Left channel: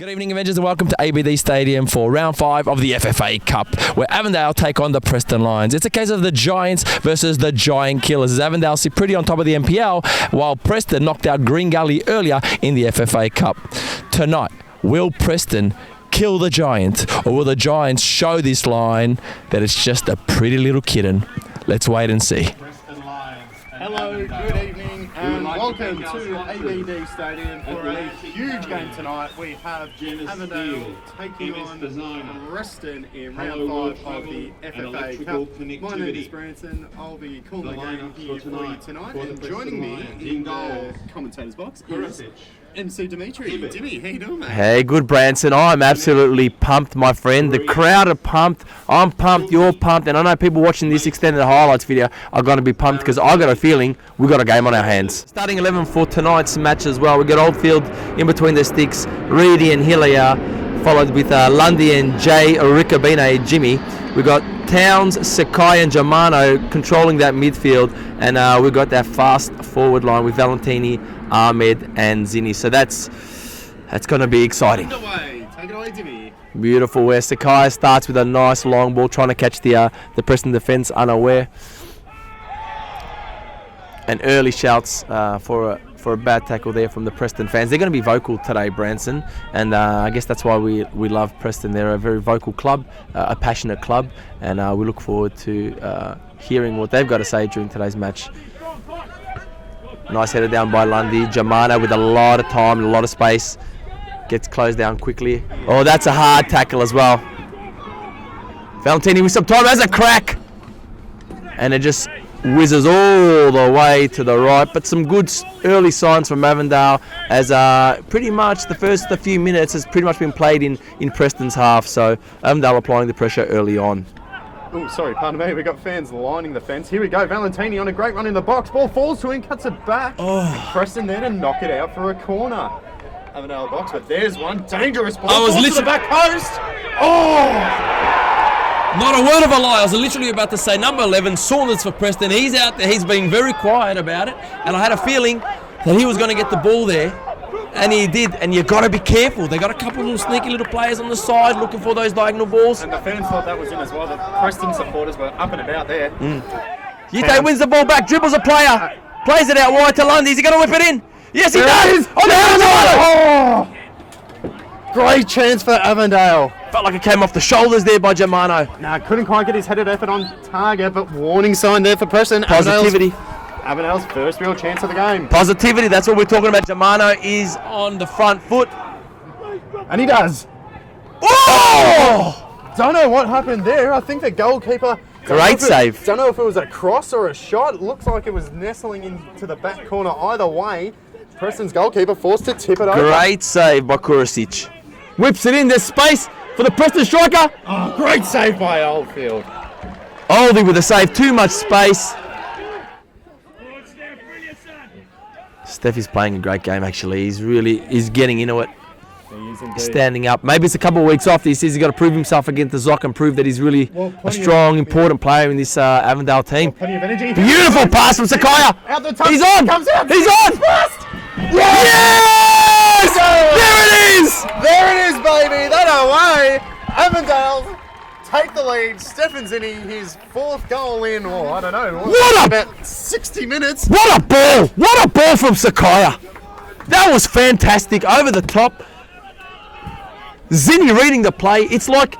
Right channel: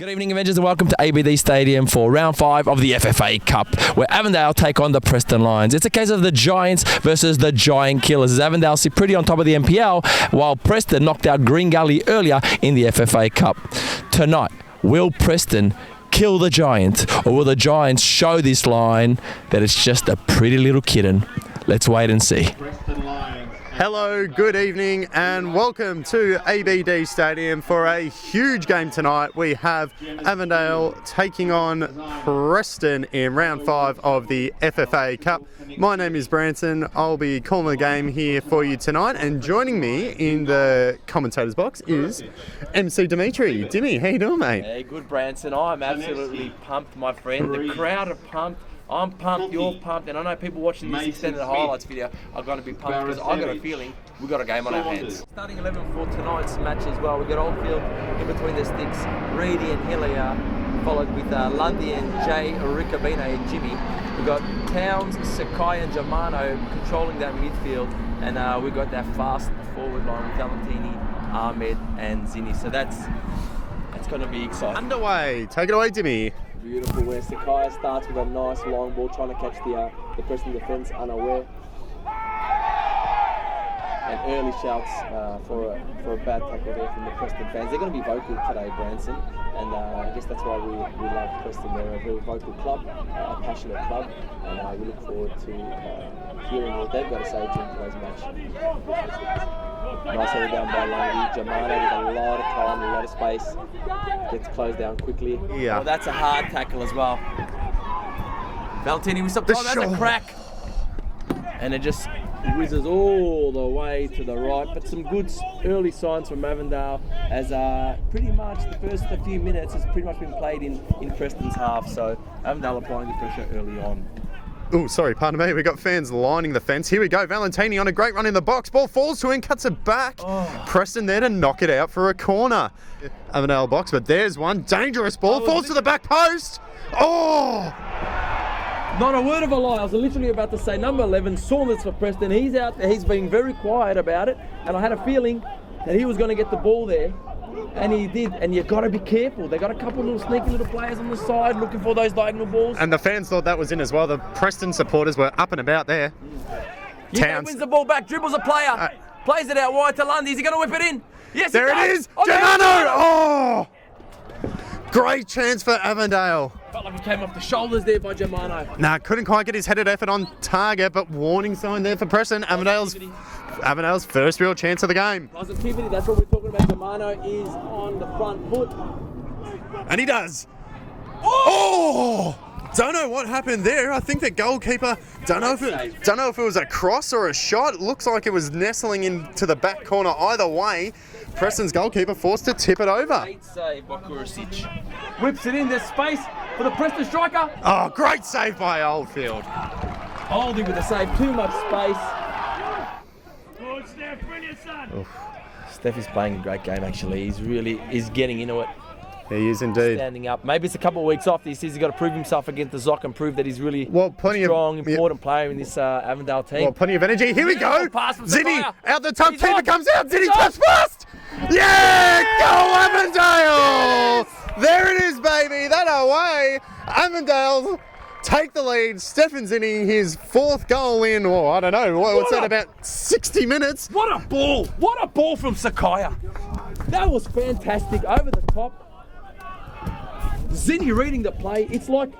Good evening, Avengers, and welcome to ABD Stadium for Round 5 of the FFA Cup, where Avondale take on the Preston Lions. It's a case of the Giants versus the Giant Killers, as Avondale sit pretty on top of the NPL, while Preston knocked out Green Gully earlier in the FFA Cup. Tonight, will Preston kill the Giants, or will the Giants show this line that it's just a pretty little kitten? Let's wait and see. Hello, good evening, and welcome to ABD Stadium for a huge game tonight. We have Avondale taking on Preston in round 5 of the FFA Cup. My name is Branson. I'll be calling the game here for you tonight, and joining me in the commentators box is MC Dimitri. Dimmy, how you doing, mate? Hey, good, Branson. I'm absolutely pumped, my friend. The crowd are pumped. I'm pumped. You're pumped. And I know people watching this extended highlights video are going to be pumped because I got a feeling we've got a game on our hands. Starting 11 for tonight's match as well. We've got Oldfield in between the sticks, Reedy and Hillier, followed with Lundy and Jay, Ricabine, Jimmy. We've got Towns, Sakai and Germano controlling that midfield, and we've got that fast forward line with Valentini, Ahmed and Zinni. So that's going to be exciting. Take it away, Dimmy. Beautiful, where Sakai starts with a nice long ball, trying to catch the Preston defence unaware. And early shouts for a bad tackle there from the Preston fans. They're going to be vocal today, Branson, and I guess that's why we love Preston. They're a very vocal club, a passionate club, and we look forward to hearing what they've got to say during today's match. Nice header down by Lundy. Germano with a lot of time and a lot of space. Gets closed down quickly. Yeah. Oh, that's a hard tackle as well. Valentini with some time, has a crack. And it just whizzes all the way to the right. But some good early signs from Avondale, as pretty much the first few minutes has pretty much been played in Preston's half. So Avondale applying the pressure early on. Oh, sorry, pardon me. We've got fans lining the fence. Here we go. Valentini on a great run in the box. Ball falls to him, cuts it back. Oh. Preston there to knock it out for a corner. Avondale box, but there's one dangerous ball. I was literally to the back post. Oh! Not a word of a lie. I was literally about to say number 11, Saunders for Preston. He's out there. He's being very quiet about it, and I had a feeling that he was going to get the ball there. And he did, and you've got to be careful. They got a couple of little sneaky little players on the side looking for those diagonal balls. And the fans thought that was in as well. The Preston supporters were up and about there. Yite wins the ball back, dribbles a player, plays it out wide to Lundy. Is he going to whip it in? Yes, he does! Oh! Great chance for Avondale. Felt like it came off the shoulders there by Germano. Nah, couldn't quite get his headed effort on target, but warning sign there for Preston. Positivity. Avondale's first real chance of the game. Positivity, that's what we're talking about. Germano is on the front foot. And he does. Oh! Don't know what happened there. I think the goalkeeper... Great save. Don't know if it was a cross or a shot. It looks like it was nestling into the back corner either way. Preston's goalkeeper forced to tip it over. Great save by Kurasic. Whips it in, there's space for the Preston striker. Oh, great save by Oldfield. Oldie with a save, too much space. Steph is playing a great game, actually. He's getting into it. He is indeed. Standing up. Maybe it's a couple of weeks off. He says he's got to prove himself against the Zoc and prove that he's really a strong, important player in this Avondale team. Plenty of energy. Beautiful pass from Sakaya. Out the top. He's on. Comes out. He's on. Yes! There it is. There it is, baby. That away. Avondale take the lead. Stephen's in his 4th goal in, I don't know, about 60 minutes. What a ball. What a ball from Sakaya. That was fantastic. Over the top. Zinni reading the play. It's like,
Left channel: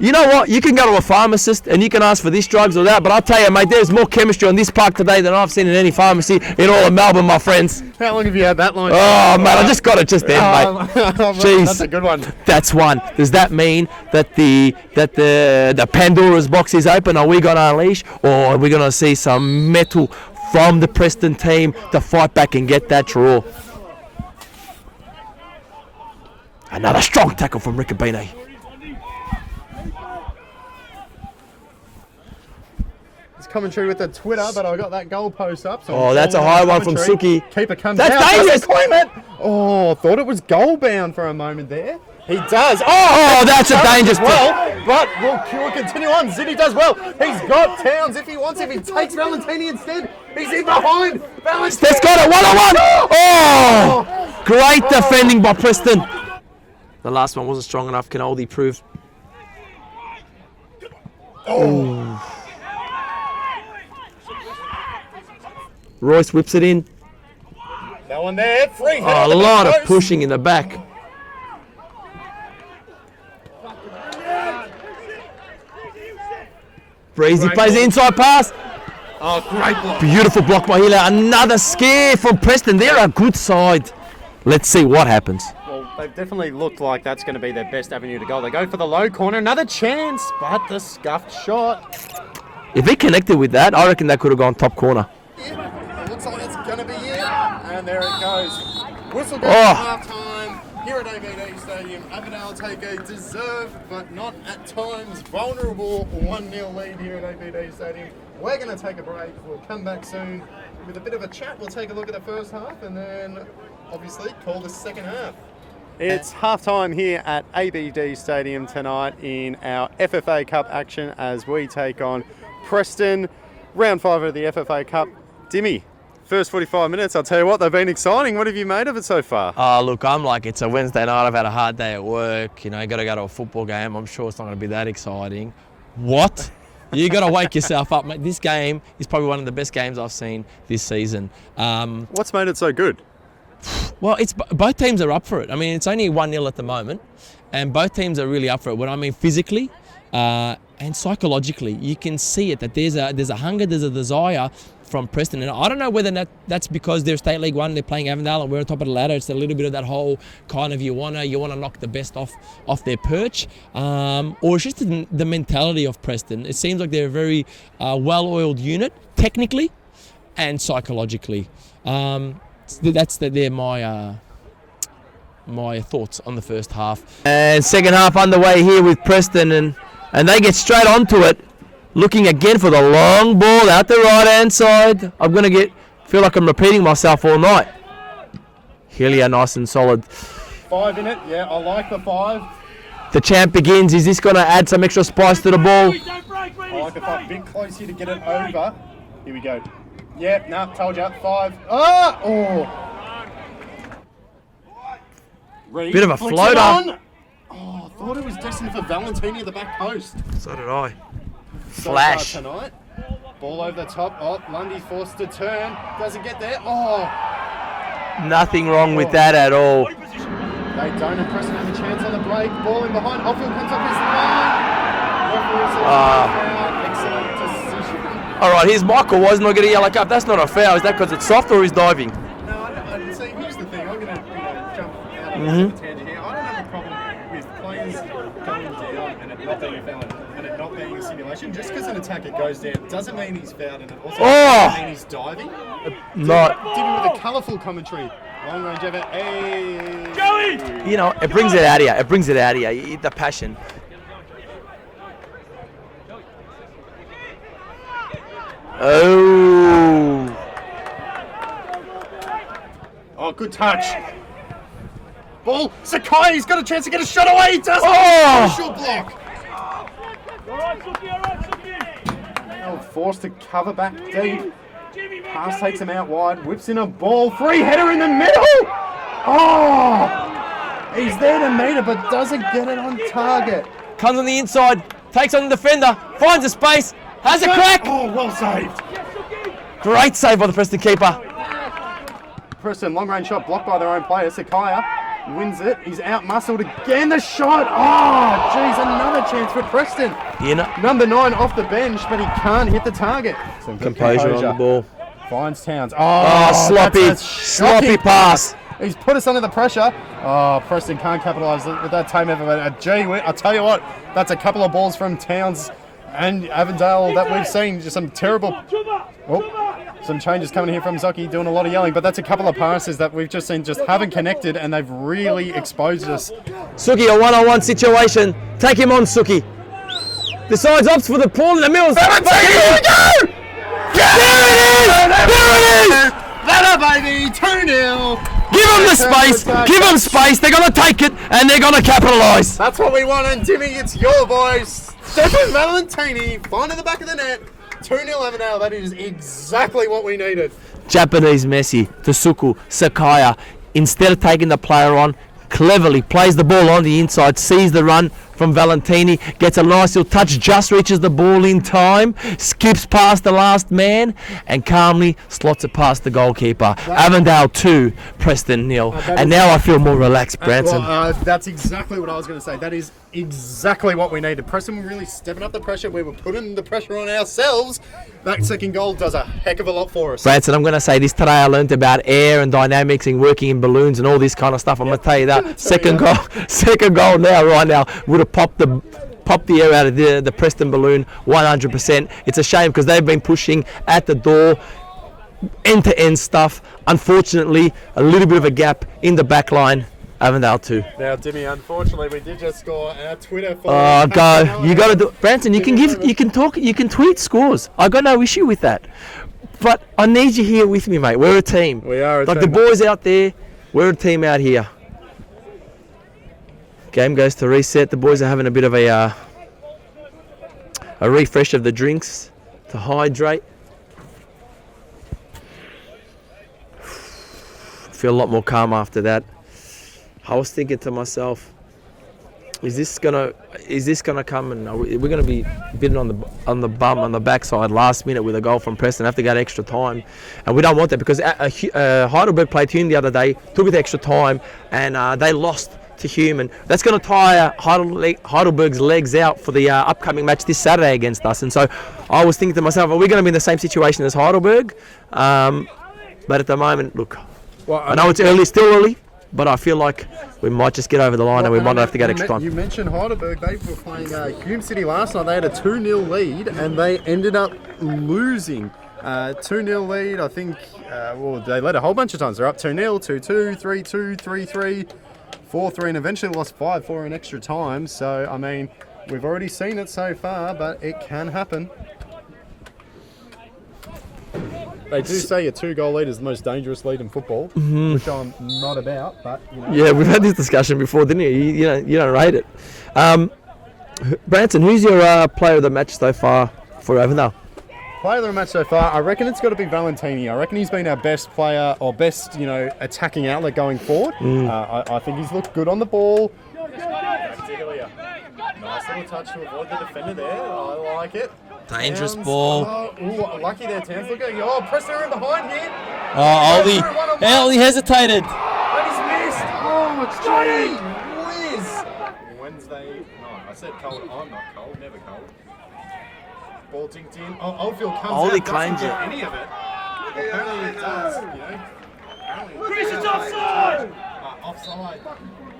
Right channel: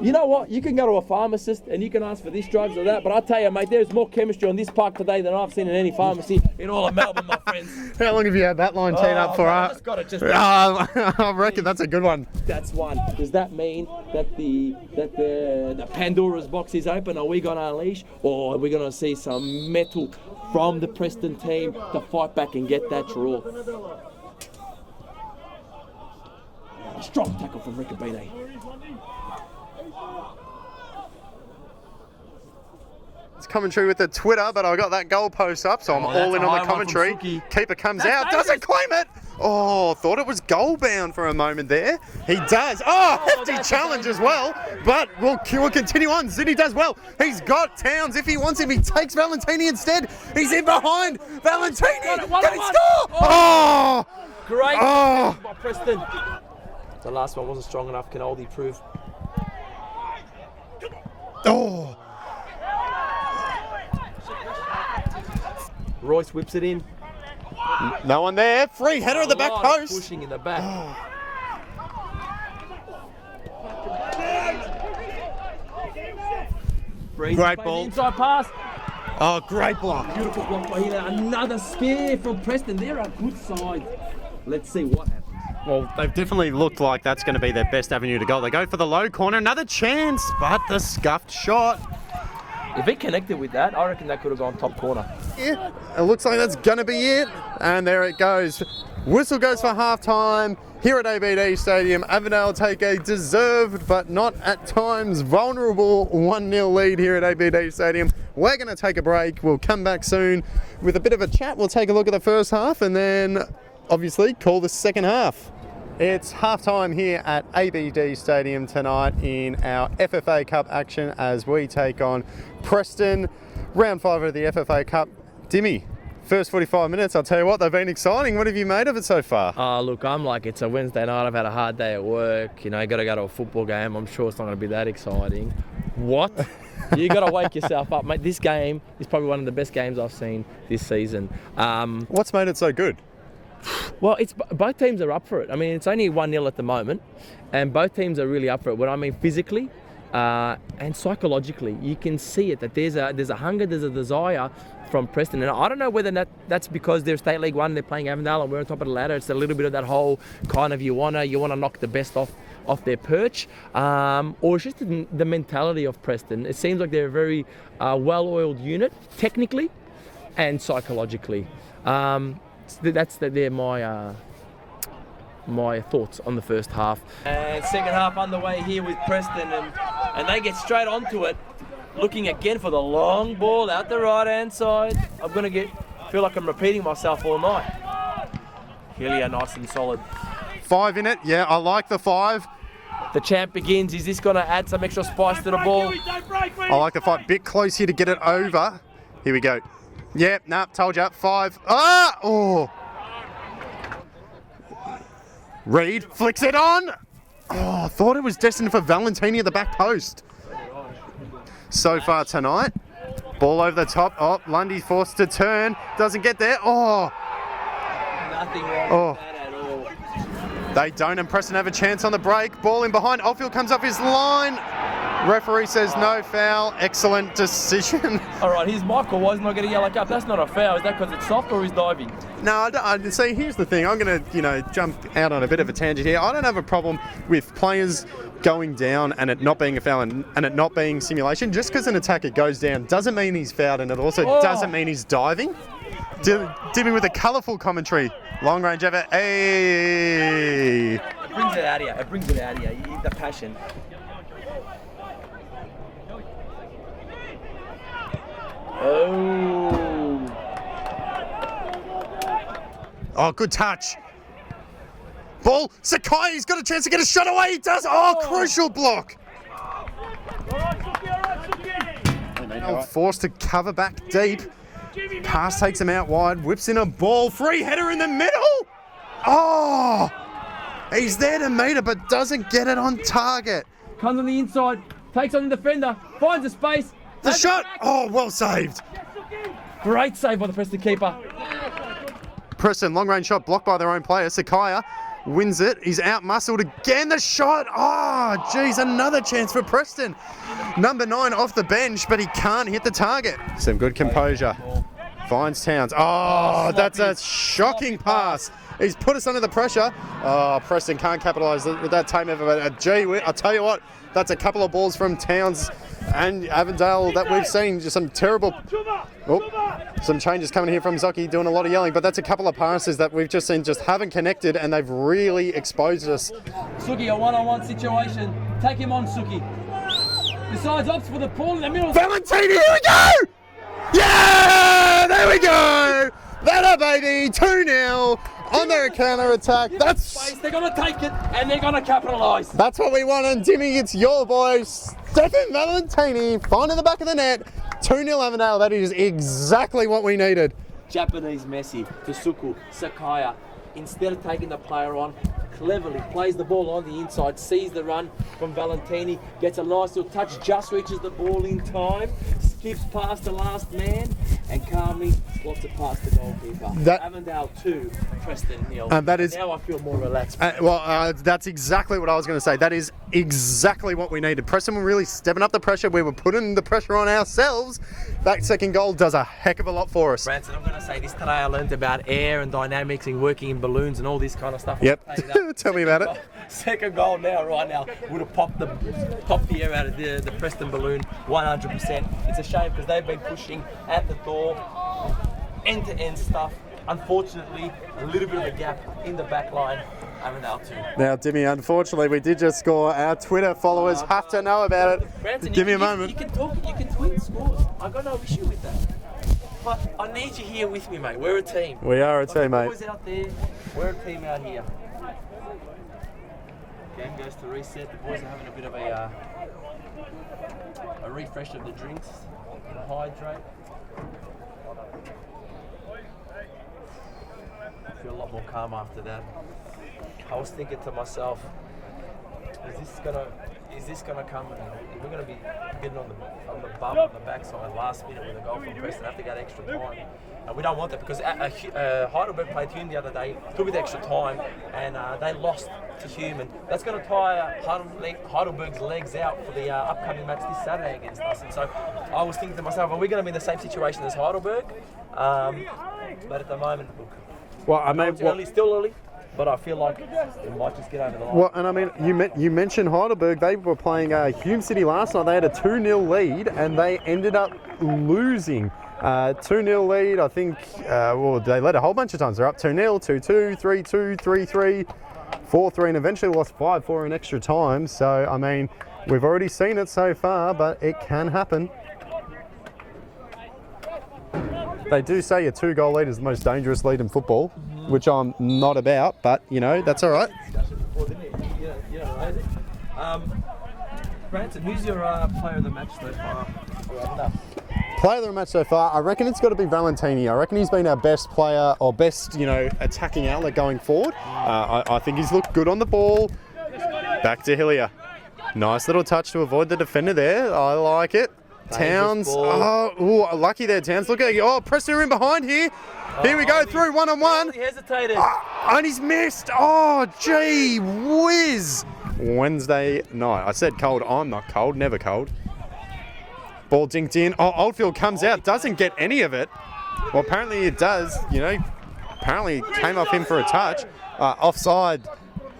you know what? You can go to a pharmacist and you can ask for this drugs or that, but I'll tell you, mate, there's more chemistry on this park today than I've seen in any pharmacy in all of Melbourne, my friends. How long have you had that line? Oh, man, I just got it just then, mate. Jeez. That's a good one. That's one. Does that mean that the Pandora's box is open? Are we going to unleash, or are we going to see some metal from the Preston team to fight back and get that draw? Another strong tackle from Ricabine. It's coming through with the Twitter, but I got that goal post up. So that's a high one from Suki. Keeper comes that's out. Dangerous. Claim it. Oh, thought it was goal bound for a moment there. He does. Oh, that's a dangerous well. But we'll continue on. Zinni does well. He's got Towns if he wants him. He takes Valentini instead. He's in behind. Valentini. Let's go to 1-on-1. Oh, great defending by Preston. The last one wasn't strong enough. Can Oldie prove? Oh! Royce whips it in. No one there. Free header. Oh, on a the back lot of post. pushing in the back. Breezy Great plays the ball. inside pass. Oh, great block. Beautiful block by Hila. Another scare from Preston. They're a good side. Let's see what happens. Well, they've definitely looked like that's going to be their best avenue to goal. They go for the low corner. Another chance, but the scuffed shot. If he connected with that, I reckon that could have gone top corner. Yeah, it looks like that's going to be it. And there it goes. Whistle goes Oh. for half-time. Here at ABD Stadium, Avondale take a deserved but not at times vulnerable 1-0 lead here at ABD Stadium. We're going to take a break. We'll come back soon with a bit of a chat. We'll take a look at the first half and then obviously call the second half. It's half-time here at ABD Stadium tonight in our FFA Cup action as we take on Preston. Round 5 of the FFA Cup. Dimmy, first 45 minutes, I'll tell you what, they've been exciting. What have you made of it so far? Look, I'm like, it's a Wednesday night. I've had a hard day at work. You know, you got to go to a football game. I'm sure it's not going to be that exciting. What? You got to wake yourself up, mate. This game is probably one of the best games I've seen this season. What's made it so good? Well, it's both teams are up for it. I mean, it's only 1-0 at the moment, and both teams are really up for it. What I mean physically and psychologically, you can see it that there's a hunger, there's a desire from Preston, and I don't know whether that's because they're State League 1, they're playing Avondale, and we're on top of the ladder. It's a little bit of that whole kind of you wanna knock the best off their perch, or it's just the mentality of Preston. It seems like they're a very well-oiled unit, technically and psychologically. They're my thoughts on the first half. And second half underway here with Preston, and they get straight onto it, looking again for the long ball out the right-hand side. I'm going to feel like I'm repeating myself all night. Helia nice and solid. 5 in it, yeah, I like the 5. The champ begins. Is this going to add some extra spice to the ball? I like the 5. Bit close here to get it over. Here we go. Yeah, no, told you. 5. Ah! Oh! Reed Bit of a flicks floater. it on. Oh, I thought it was destined for Valentini at the back post. So did I. So Flash. far tonight. Ball over the top. Oh, Lundy forced to turn. Doesn't get there. Oh! Nothing wrong with that at all. They don't, and Preston have a chance on the break. Ball in behind. Oldfield comes up his line. Referee says no foul. Excellent decision. All right, here's Michael. Why isn't I getting a yellow card? That's not a foul. Is that because it's soft or he's diving? No, I see. Here's the thing. I'm going to, jump out on a bit of a tangent here. I don't have a problem with players going down and it not being a foul and it not being simulation. Just because an attacker goes down doesn't mean he's fouled, and it also doesn't mean he's diving. Dimmy with a colourful commentary. Long range over. Hey. You know, it brings it out of you. It brings it out of you. The passion. Oh. Oh, good touch. Ball. Sakai's got a chance to get a shot away. He does. Crucial block. Forced to cover back deep. Pass takes him out wide. Whips in a ball. Free header in the middle. Oh. He's there to meet it, but doesn't get it on target. Comes on the inside. Takes on the defender. Finds a space. Has a crack. Oh, well saved. Great save by the Preston keeper. Preston, long range shot blocked by their own player. Sakaya wins it. He's out muscled again. The shot. Oh, geez, another chance for Preston. You know, Number 9 off the bench, but he can't hit the target. So good composure on the ball. Finds Towns. Sloppy, that's a shocking sloppy pass. He's put us under the pressure. Oh, Preston can't capitalise with that time ever. Gee, I'll tell you what, that's a couple of balls from Towns and Avondale that we've seen. Just some terrible... some changes coming here from Zoki, doing a lot of yelling, but that's a couple of passes that we've just seen just haven't connected, and they've really exposed us. Suki, a one-on-one situation. Take him on, Suki. Decides opts for the pull in the middle. Here we go! Yeah! There we go! Better, baby! 2-0! Give them the space! Give them space! They're going to take it, and they're going to capitalise. That's what we want, and Timmy, it's your voice. Stefan Valentini, finding the back of the net. 2-0 Avondale, that is exactly what we needed. Japanese Messi, Tsuku, Sakaya, instead of taking the player on, cleverly plays the ball on the inside, sees the run from Valentini, gets a nice little touch, just reaches the ball in time, skips past the last man, and calmly slots it past the goalkeeper. Avondale 2, Preston 0. And now I feel more relaxed, Branson. That's exactly what I was going to say. That is exactly what we needed. Preston were really stepping up the pressure. We were putting the pressure on ourselves. That second goal does a heck of a lot for us. Branson, I'm going to say this today. I learned about air and dynamics and working in balloons and all this kind of stuff. I'm going to tell you that. Second goal now, right now, would have popped the air out of the Preston balloon 100%. It's a shame because they've been pushing at the door, end-to-end stuff. Unfortunately, a little bit of a gap in the back line. Avondale 2. Now, Dimmy, unfortunately, we did just score our Twitter follower. Oh, go! You got to do, Branson. You can tweet scores. I got no issue with that. But I need you here with me, mate. We're a team. We are a team. Like the boys out there, we're a team out here. Game goes to reset. The boys are having a bit of a refresh of the drinks to hydrate. Feel a lot more calm after that. I was thinking to myself, is this gonna come and we're gonna be bitten on the backside last minute with a goal from Preston, have to go to extra time, and we don't want that because Heidelberg played Hume the other day, took it to extra time, and they lost to Hume, and that's going to tire Heidelberg's legs out for the upcoming match this Saturday against us. And so I was thinking to myself, are we going to be in the same situation as Heidelberg? But at the moment, look, I know it's early, still early, but I feel like we might just get over the line and we might have to go extra time. You mentioned Heidelberg. They were playing Hume City last night. They had a 2-0 lead and they ended up losing. 2-0 lead, I think, they led a whole bunch of times. They're up 2-0, 2-2, 3-2, 3-3, 4-3, and eventually lost 5-4 in extra time. So, I mean, we've already seen it so far, but it can happen. They do say a 2-goal lead is the most dangerous lead in football, which I'm not about, but, you know. Yeah, we've had this discussion before, didn't you? You don't rate it. Branson, who's your player of the match so far for Avondale? Player of the match so far, I reckon it's got to be Valentini. I reckon he's been our best player or best, attacking outlet going forward. I think he's looked good on the ball. Back to Hillier. Nice little touch to avoid the defender there. I like it. Towns. Oh, lucky there, Towns. Look at you. Oh, Preston in behind here. Here we go through one-on-one. He hesitated. And he's missed. Oh, gee whiz. Wednesday night. I said cold. I'm not cold. Never cold. Ball dinked in. Oh, Oldfield comes out. Doesn't get any of it. Well, apparently it does. Apparently it came off him for a touch. Offside.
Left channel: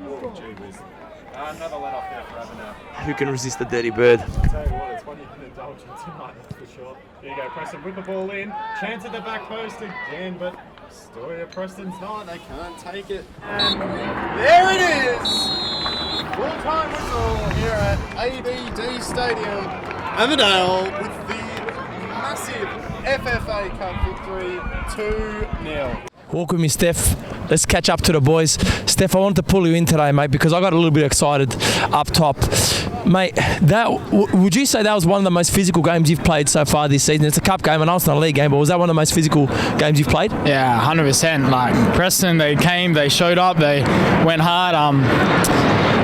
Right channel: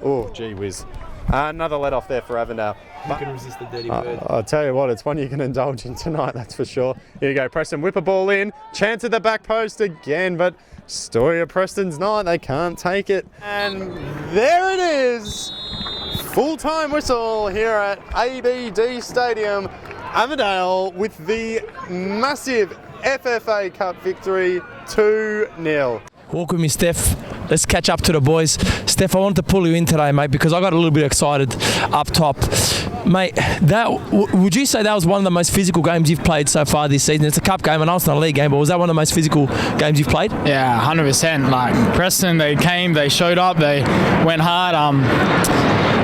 Oh, gee whiz. Another let-off there for Avondale. Who can resist the dirty bird? I'll tell you what, it's one you can indulge in tonight, that's for sure. Here you go, Preston, whip a ball in. Chance at the back post again, but story of Preston's night, they can't take it. And there it is! Full-time whistle here at ABD Stadium. Avondale with the massive FFA Cup victory, 2-0. Walk with me, Steph. Let's catch up to the boys. Steph, I wanted to pull you in today, mate, because I got a little bit excited up top. Mate, would you say that was one of the most physical games you've played so far this season? It's a cup game, and it's not a league game, but was that one of the most physical games you've played? Yeah, 100%. Like, Preston, they came, they showed up, they went hard.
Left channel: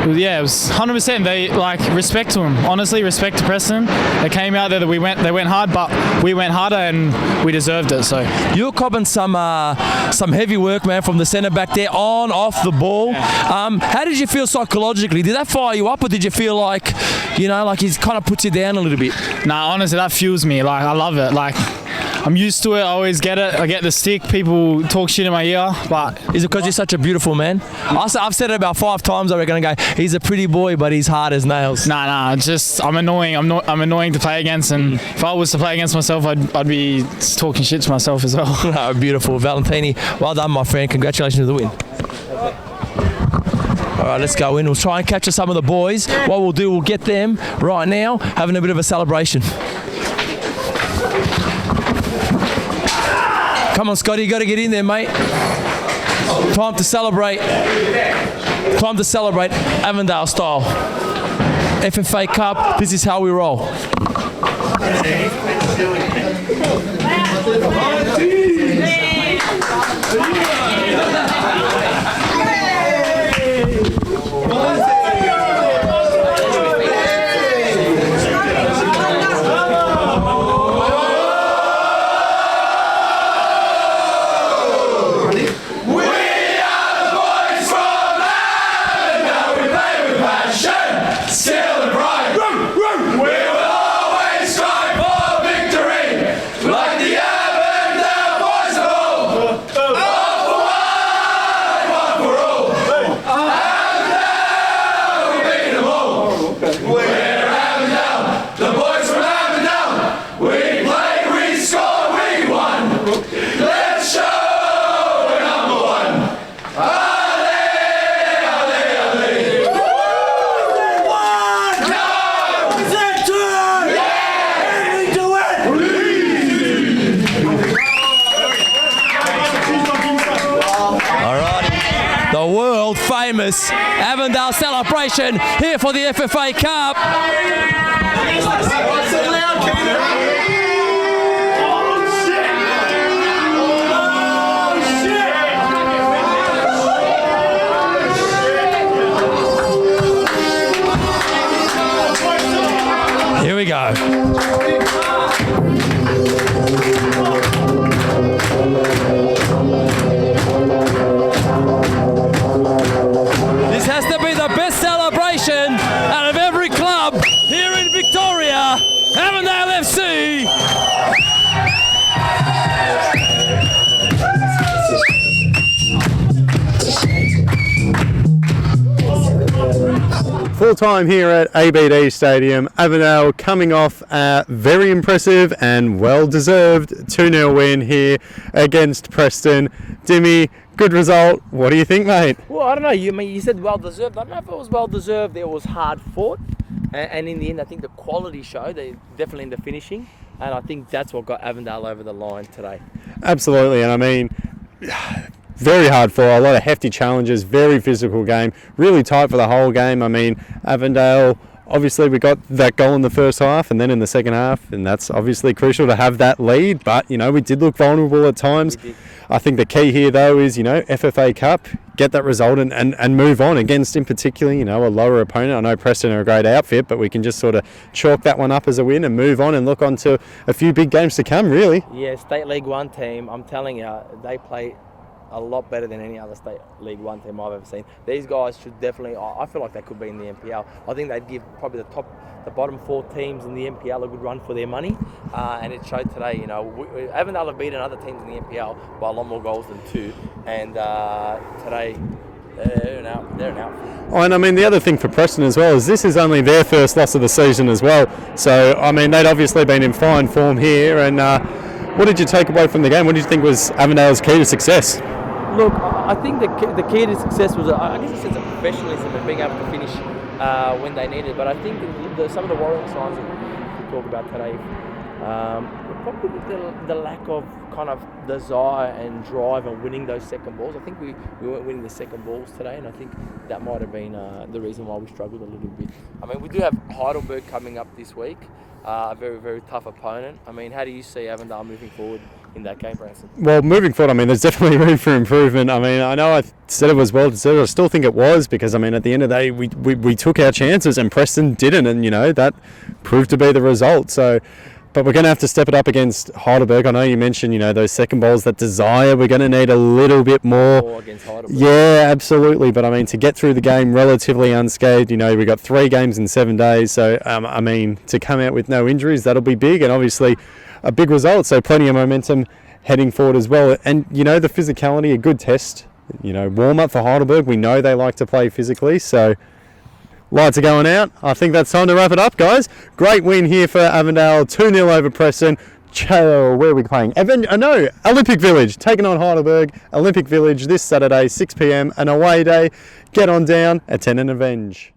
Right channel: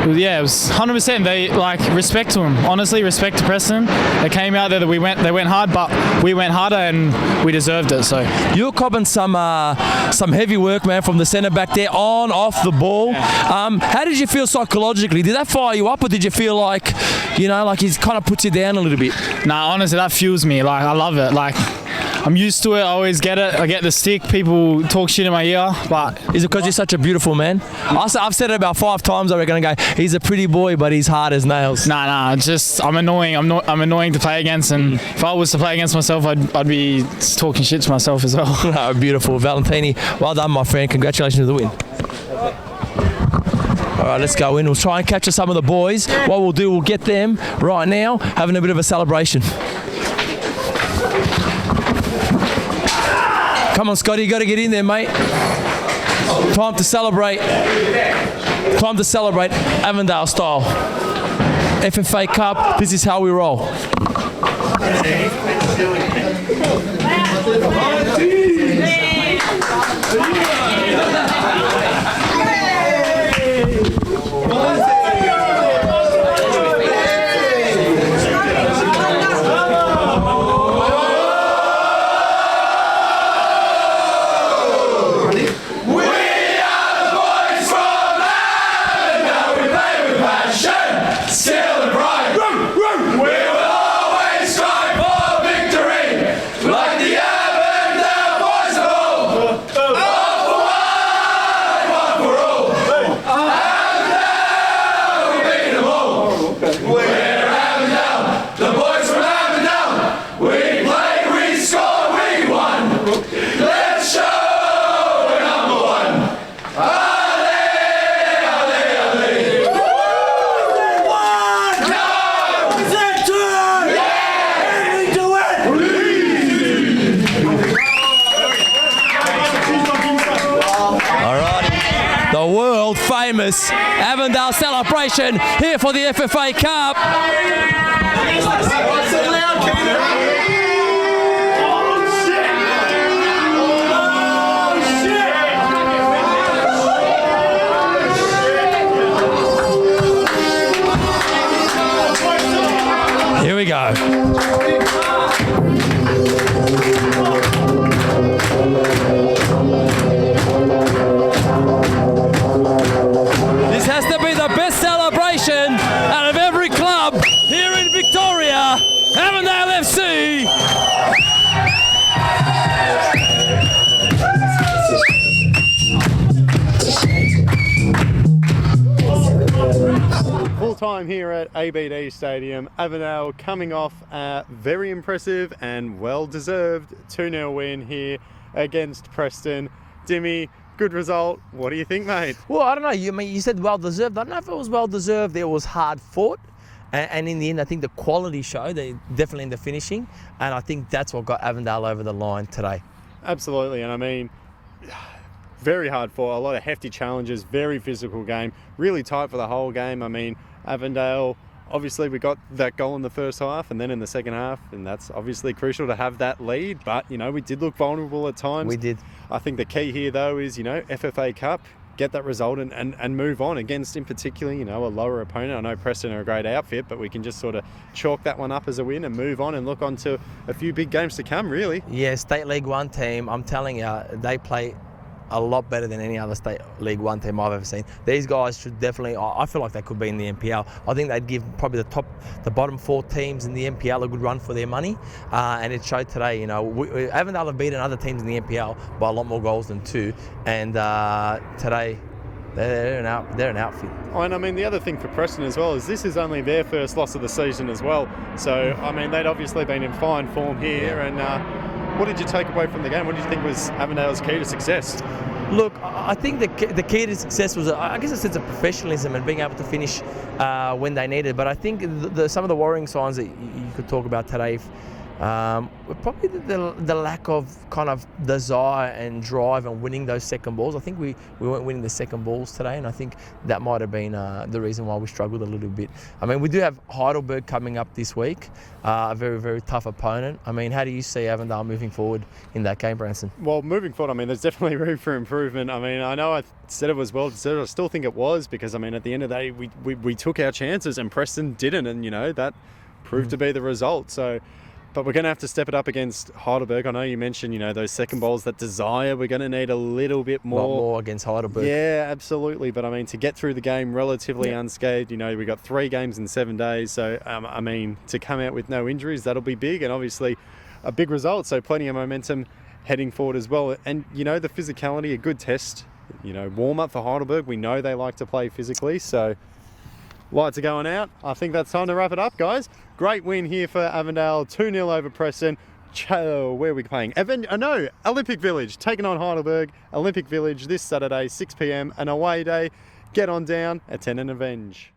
Yeah, it was 100%. They respect to them. Honestly, respect to Preston. They came out there. They went hard, but we went harder and we deserved it. So you were copping some heavy work, man, from the centre back there, on, off the ball. Yeah. How did you feel psychologically? Did that fire you up, or did you feel like he's kind of puts you down a little bit? Nah, honestly, that fuels me. I love it. I'm used to it. I always get it. I get the stick. People talk shit in my ear, but is it because you're such a beautiful man? I've said it about 5 times. I reckon. I go, he's a pretty boy, but he's hard as nails. Nah. Just I'm annoying. I'm annoying to play against, and if I was to play against myself, I'd be talking shit to myself as well. No, beautiful, Valentini. Well done, my friend. Congratulations on the win. All right, let's go in. We'll try and capture some of the boys. What we'll do, we'll get them right now having a bit of a celebration. Come on, Scotty, you got to get in there, mate. Time to celebrate. Time to celebrate Avondale style. FFA Cup, this is how we roll. famous Avondale celebration here for the FFA Cup. Here we go. This has to be the best celebration out of every club here in Victoria. Avondale FC. Full time here at ABD Stadium. Avondale coming off a very impressive and well-deserved 2-0 win here against Preston. Dimmy, good result. What do you think, mate? Well, I don't know. You said well-deserved. I don't know if it was well-deserved. It was hard fought. And in the end, I think the quality showed, definitely in the finishing. And I think that's what got Avondale over the line today. Absolutely. And I mean, very hard for a lot of hefty challenges, very physical game, really tight for the whole game. I mean, Avondale, obviously we got that goal in the first half and then in the second half, and that's obviously crucial to have that lead, but you know, we did look vulnerable at times. We did. I think the key here though is, you know, FFA Cup, get that result and move on against, in particular, you know, a lower opponent. I know Preston are a great outfit, but we can just sort of chalk that one up as a win and move on and look on to a few big games to come, really. Yeah, State League 1 team, I'm telling you, they play a lot better than any other State League 1 team I've ever seen. These guys should definitely, I feel like they could be in the NPL. I think they'd give probably the bottom 4 teams in the NPL a good run for their money, and it showed today. You know, Avondale have beaten other teams in the NPL by a lot more goals than 2, and today they're an outfit. Oh, and I mean, the other thing for Preston as well is this is only their first loss of the season as well. So, I mean, they'd obviously been in fine form here, and what did you take away from the game? What did you think was Avondale's key to success? Look, I think the key to success was, I guess, a sense of professionalism and being able to finish when they needed. But I think some of the worrying signs that you could talk about today, probably the lack of kind of desire and drive and winning those second balls. I think we weren't winning the second balls today, and I think that might have been the reason why we struggled a little bit. I mean, we do have Heidelberg coming up this week, a very, very tough opponent. I mean, how do you see Avondale moving forward in that game, Preston? Well, moving forward, I mean, there's definitely room for improvement. I mean, I know I said it was well deserved. I still think it was, because, I mean, at the end of the day, we took our chances and Preston didn't, and, you know, that proved to be the result. So, but we're going to have to step it up against Heidelberg. I know you mentioned, you know, those second balls, that desire. We're going to need a little bit more against Heidelberg. Yeah, absolutely. But I mean, to get through the game relatively unscathed, you know, we got 3 games in 7 days. So, I mean, to come out with no injuries, that'll be big, and obviously a big result. So plenty of momentum heading forward as well. And, you know, the physicality, a good test, you know, warm up for Heidelberg. We know they like to play physically. So, lights are going out. I think that's time to wrap it up, guys. Great win here for Avondale, 2-0 over Preston. Where are we playing? Olympic Village, taking on Heidelberg. Olympic Village this Saturday, 6 p.m, an away day. Get on down, attend and avenge.